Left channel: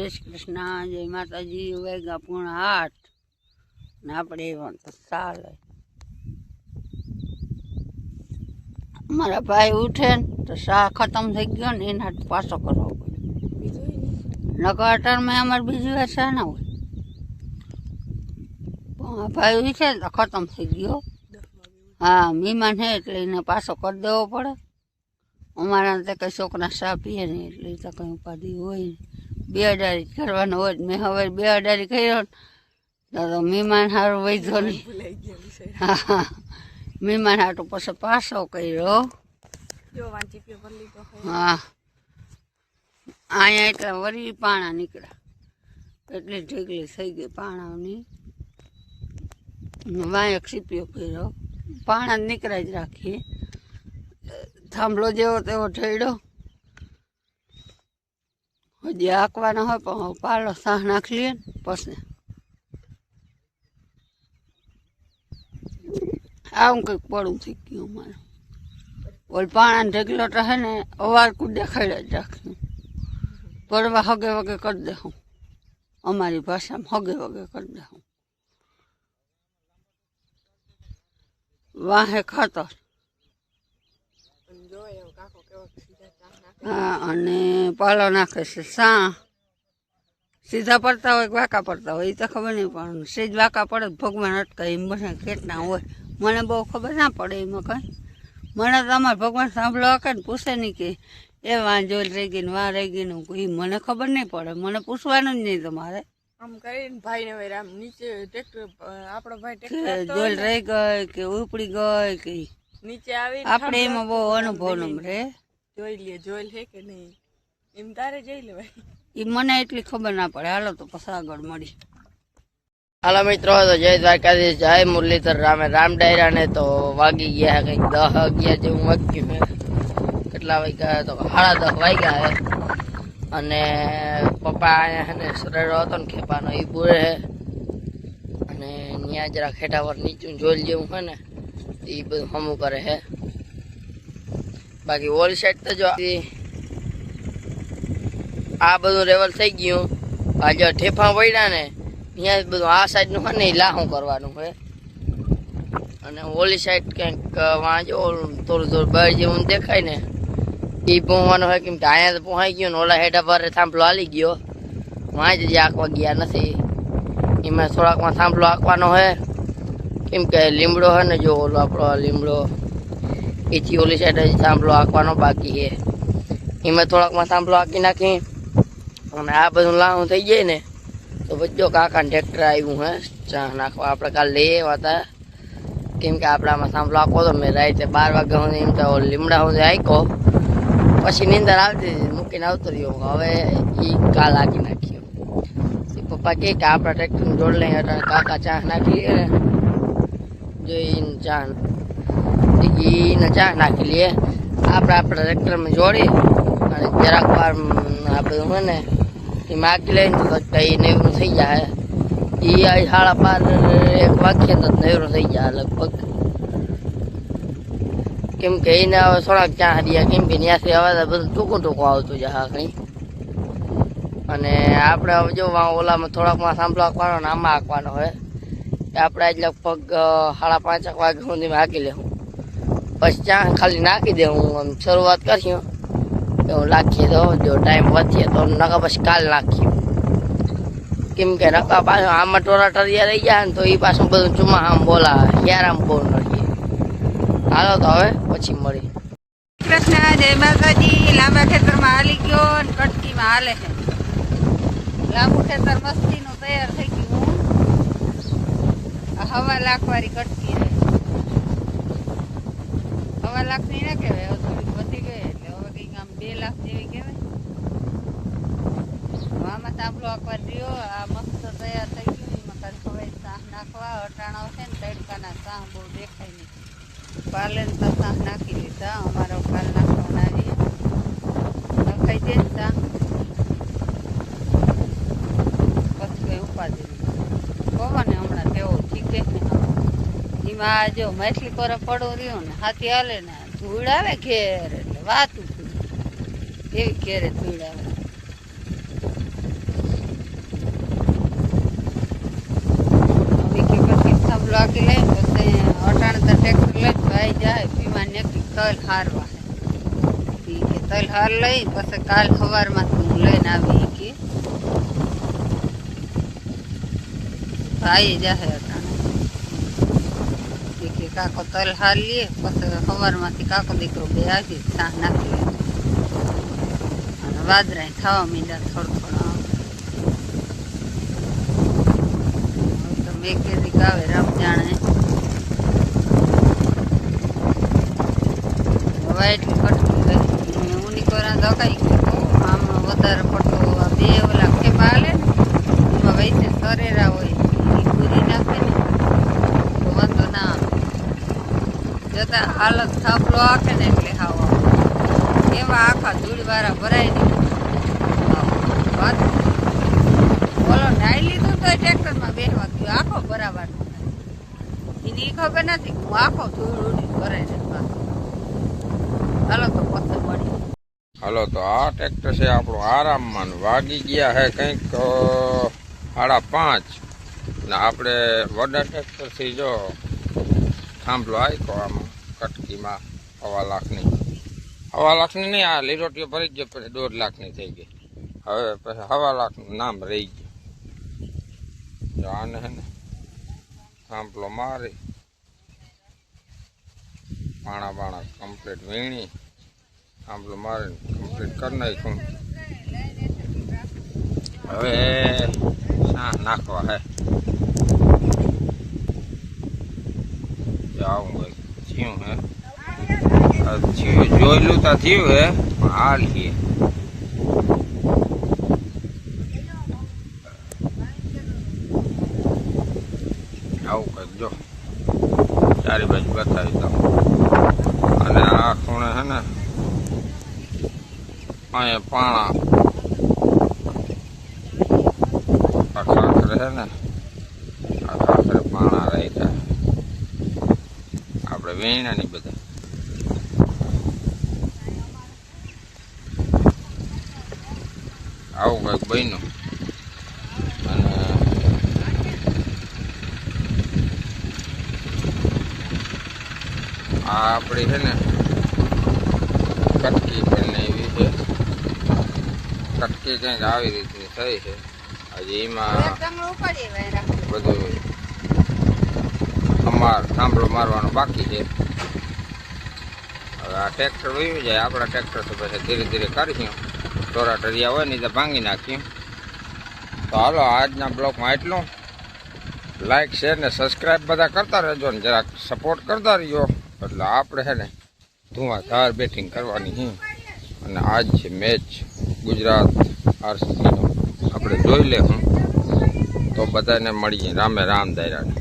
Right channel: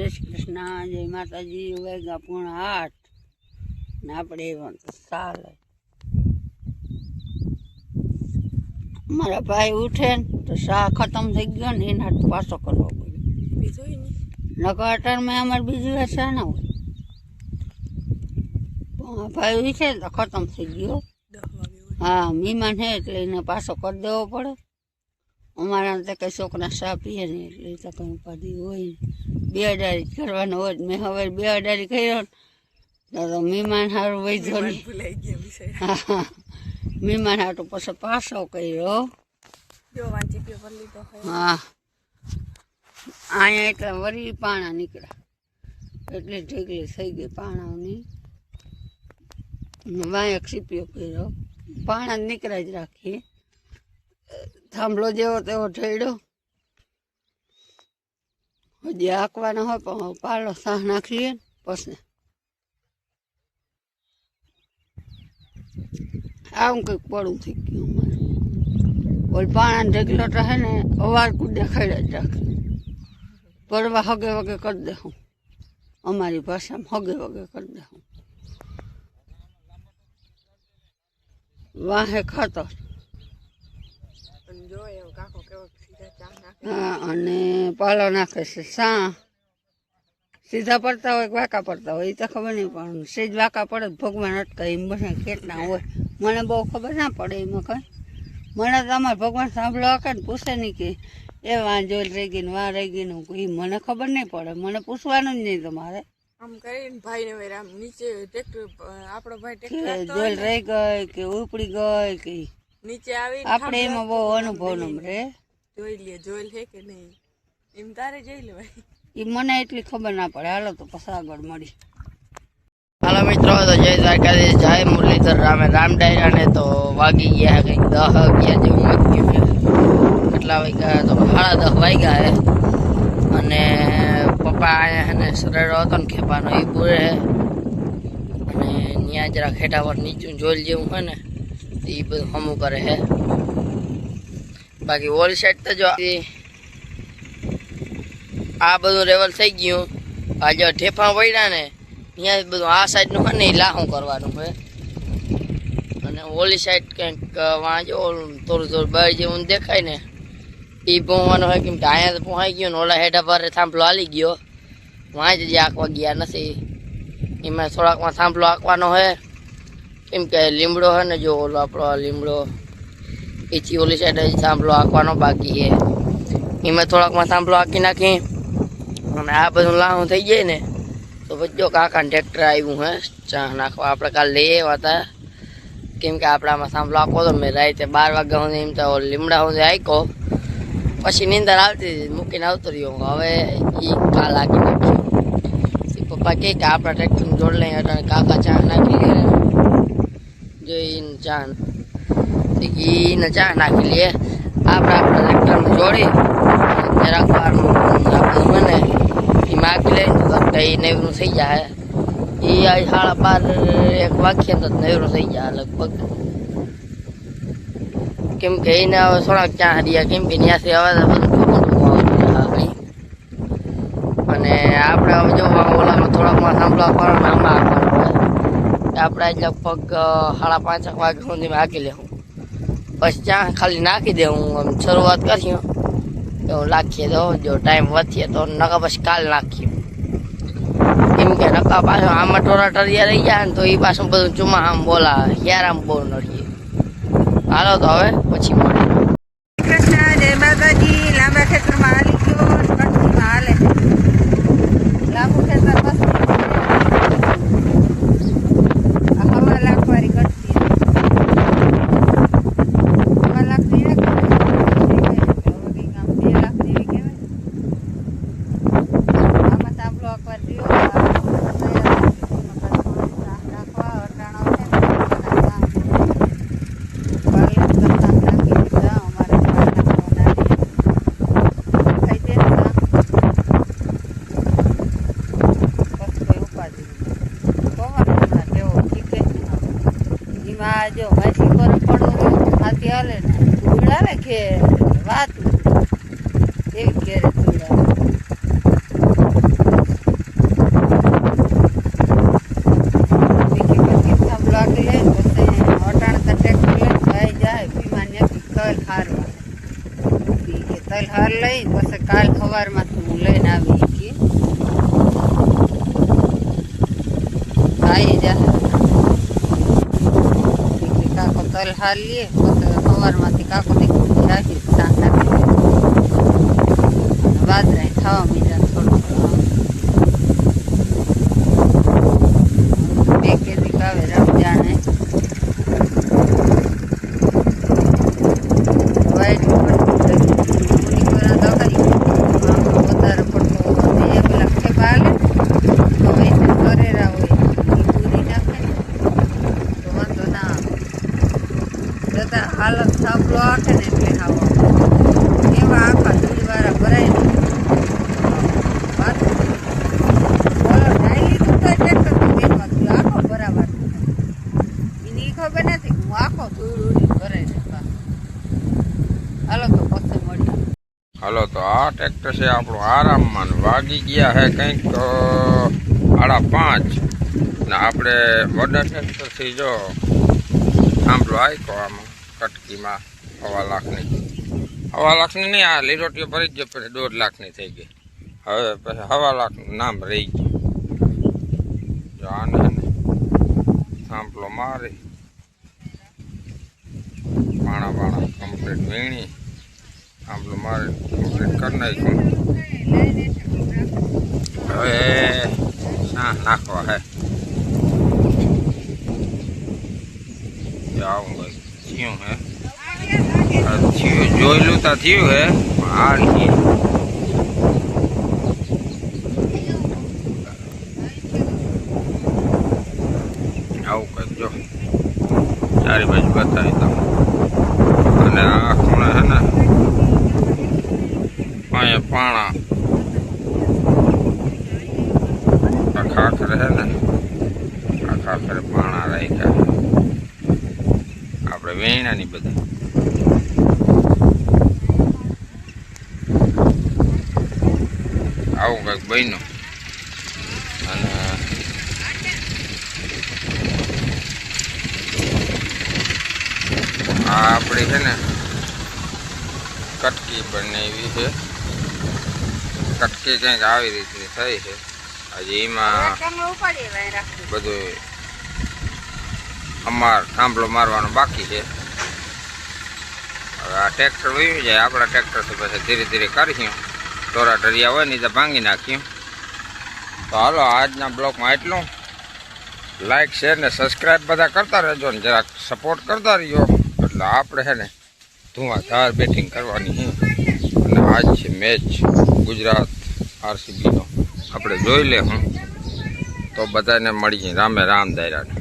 જય શ્રી કૃષ્ણ, જય માતાજી. વાગ્યા 7:30 ને આપણે એવા તો ચાલે. મારા ભાઈ ઉઠે ને તો શાહ ખતમ થઈ ગયો ને એના પાછો કરવો પડ્યો. નકર અટારમાં અમારે બીજી વાર શાહ ના હોય. ભાઈ ઉઠે ને તો ખતમ થઈ ગયો. હા, મહેમાન છે એટલે એને પાછો કરી દેવો પડે. અમારા તો કઈ છોકરા ચા પીએ નહીં એટલે તો કઈ ઉપાધિ હોય. 2 અડારી કરવાનો હોય. મેં હવે 2 અડારી કર્યો તો મહેમાન સારું વૈધો નહીં. હા, મહેમાન હાટું પછી પાછો કર્યો. હા, અહીંયા એટલે વરી પાણા નીકળ્યા એટલે ઢેકલી થઈ ગઈ પાણાની. વાયક સીપ્યો કર્યો. પાણા જ નીકળ્યા જ રાખીએ. થાંભલો જેવો તેવો ઠેડ્યો. હજી આંકવાનો હોય પણ પાલો સાહ નાખી લઈએ ને પછી આવું કંઈક પડું થઈ ગયું અમારે. ઓલ પાણા ઢેકલો રહે ને અવાર કુદે ખેડે જ રાખ્યું. પડવા હગે વગે કરી દે હું. અમારી ભાષામાં હગે વગે કરી દે હું. વાહે ખાતર. હા, અને પાલો નાખે છે સા. સીધા પડતા હોય કે વાંકા પડતા હોય એ તો ખબર નહીં, પણ સીધ વાંકા પડે ભગવાન અટકાય એમ બધા કેટલા હોય. મને બહુ ખબર ના પડે એમાં કંઈ. મને તો અમારે ભગવાન સાંભળો હકે ને પૂછે નહીં કે એ વાં જોઈ રહી ગઈ ને વાં રહી ગઈ ને એ મને ખબર નહીં પડે. મને પૂછવાનું જ નહીં તમારે. આમ કરીને ભાઈને આમ નીચે ટ્રેક્ટર આપણો ભાઈ કે જોઈ રહી ગઈ કે ઉપડી ગઈ કે નીચે આવી આપણે એમાં બહુ અનુભવ ન રે. જોઈ લે કે નહીં એમ તારે જોઈ લેવાય. એ મને એટલી ખબર ના પડે. હાલો તો પછી આગળ મળી. હાલો મિત્રો, તો જય દ્વારકાધીશ, જય મુરલીધર રામે રામ ડાયરા ને તો વાગી ગયા કંઈક 10-11 જેવું વાગ્યું છે. કેટલા વાગ્યા તો 10:30 વાગ્યા હે. અને પપ્પા અહીંયા ને સરેડો હતો ને ખેપાનો એ પૂરે છે. અને ત્યાં જરા ખેટા પર નીચું જોઈ જેવું હોય ને એ બધું હમું કરે છે. બાકી ઓલ સાઈડ તો જો આ બધું લેવલ થઈ ગયું. આ જો ઠેફા પડ્યા ને અહીંયા બધું આ સાઈડનું હોય ને એ લાહું કરવાનું હોય. અને ઓલી સાઈડ કંઈક વાં જો થોડું થોડું બહાર જેવું દેખાય ને એ પહોંચવાનું હોય. કેમ કે અહીંયા તો પહોંચાઈ ગયો ને ઓલા હેઠા પર થાંભલો હાલી ગયો. વાં જ આંકવા ગયા નથી. એમાં થોડાકમાં થાંભલો આંકવાનો હોય. કેમ કે લીમડો હોય ને જો ઓલો આપણો લીમડો એથી ઓલી સાઈડ થાંભલો આંકવાનો બાકી છે. એમાં થોડાકમાં થાંભલો આંકી નાખી અને આ બધું લાહું થઈ જાય ને તો બધો કાકાને ટ્રેક્ટર આવ્યું હે ચા નાખવા. આપણે કાલે લઈ આવ્યા હતા. કેમ કે આપણામાં થાંભલો આંકો તો મેં રાતે 12 વાગ્યા સુધી એમ તો લીમડા સુધી આંક્યો. પછી નીંદર આવતી હતી મૂકીને આવતો રહ્યો. હવે એ કાલ આંકી નાખ્યું. પપ્પા કહે કે આપણા ટ્રેક્ટરને જોડ લઈ એટલે કાકા ચા નાખી લે. જો એને ચા નાખી લઈએ. આપણે આપણા ટ્રેક્ટરમાં જોડી જરાક વાર આ બધું હોય ને એ માગી લે તો એ નેવરું થઈ જાય. એ 12:30-1 વાગ્યે તો નેવરું થઈ જાય લગભગ. કેમ કે એને હવે થોડાક ચા રહ્યા. કેમ કે ત્યાંથી હવે બધું ટૂંકું આવતું જાય કંઈ. અને આપણે હવે જો ઓલામાં થોડાકમાં સાંભળવા આપવાનો ને આમાં આપવાનો હોય. આપણે આજ લગભગ 5:30 વાગ્યા સુધી માગી લેવું. પછી ચા ખાલી નાખી દે. હું આમ શરૂઆત કરી તો નાખીએ તો જો ટાઈમ વધીએ તો નકા પછી કાલ નાખીએ. કેમ કે નકા પાછું આમાં ટોરા ટરિયા રહી જાય ને તો એ પાછું બધું ચુમા આમ બોલાવે. યાર આમ બોલ નથી. હાલો તો હવે પછી મળીએ. કૃષ્ણ, જય માતાજી. લાંબા ખેતરમાં હાલી ગયો ને કટકીમાં હાલે. લાંબુ ખેતર વસ્તીમાં તૈયાર થઈ ગયું. હવા લાખવાળી કટકી. હવા લાખની ના કહેવાય. બધી ગઈ એટલે હવે કંઈક આમ 2 લાખ જેવી કહેવાય. આમાં સાંભળો આખવાર રહ્યો. તૈયાર થઈ ગયું. એમાં કાંઈ ખવાય શાહ નાખવા અટાણા છે ને શાહ પાલે શાહ નાખી દીધા. અમારા શાહ નાખવાના ખાઈ દે ને શાહ પછી કઈ ઉપાધિ પવન હમણાં તેવો ઠીકે ને. એમાં જો માછલી પર પડો રહ્યો હાથી હાલે ને ધૂળ આવે ઘેર એટલે વાત એવી ઘેરે ધૂળ આવે. વાગી લે પછી અટાણે તો ટ્રેક્ટર લઈને ભાઈ જાય વિમાન ને તલ હારવા કે તલ હાર લઈ પછી કાલ સવારમાંથી હું લઈને આવી કે ભાઈ જાય કે કાકો તલ હાર લઈએ પછી સવારમાંથી કાકો દીકરો બે આવી સાંજ નાખી લે અને વાદરાય થવા મીંડા થોડું થોડું 2 કેજી કાવે રામ જાણે એટલું કટકી ગઈ ઊની કોરા દકાઈ આમ વધારે પડતો બે ઓલા ખેપા હાલે એમાં વૈસે કરેરા હોય એ પૂરી નાખે ને તો વાંધો ના આવે જતા હાલત થાપલો આખે ને એટલે ખાવા એવા આખા ધૂળવાળા ભરાય ને વાત બોલો ઢાઈ લીધું તો ટ્રેક્ટરમાં બેસવા ગયું આખો બરાબર એની ખબર નથી હું આખો ધૂળ ઉડી ભરાય ને હાલો તો પછી મળી હાલો તો આ ટ્રેક્ટર છે આપણું આરામમાં વાગી ગયા હે કંઈક 5:30 ને આપણે વડા ટ્રેક્ટરથી જો થાંભલો આયકો આમ કટકીમાં 1.5 લાખની 1.5 લાખની નહીં આ લીરોટીઓ ભરી ગયો પછી 1.5 લાખની થઈ ગઈ હવે પછી 1.5 લાખનું નામ રહી ગયું જો આને થાંભલો મારી પાણા કમ્પ્લીટ વીણી થાંભલો મારે કમ્પ્લીટ કરી નાખ્યું હવે શા નાખવા હે આવું થયું હે થયું જોયેલું તો થયું હે પણ હાલ છીએ આવું કંઈક જો ચારે બાજુ બતાવી દઉં અને આ ખૂણે હે ને અહીંયા પાણા આ ખાખરે હે ને આ ખાખરે પાણા રાખ્યા આપણે વેણાની બધા આવું કંઈક બન્યું અને આ આપણી છે ને કટકી પણ એવી છે કટકી કંઈક આવી રીતની થઈ છે હજી એમાં બધું થાંભલો મારવાનો બાકી છે હવે આ ટ્રેક્ટર વયું જાય આપણા ટ્રેક્ટરથી પછી ધીરે ધીરે કરીશું ટોરા ટરિયા હોય ને તો ભાંગી નાખ્યું તો હાલો આજના બ્લોગમાં એટલું લાઈક શેર ને સબસ્ક્રાઈબ બધા કરતા રહેજો ને જરાક સપોર્ટ કરતા રહીજો એટલે આપણે છે ને ધુઆધાર બેટિંગ કરવાની છે અને આજ છે મેચ ગુજરાત આરસીબીનો આપણે જોઈ લે હું તો બધાને મળીએ રામે રામ દાયરાને.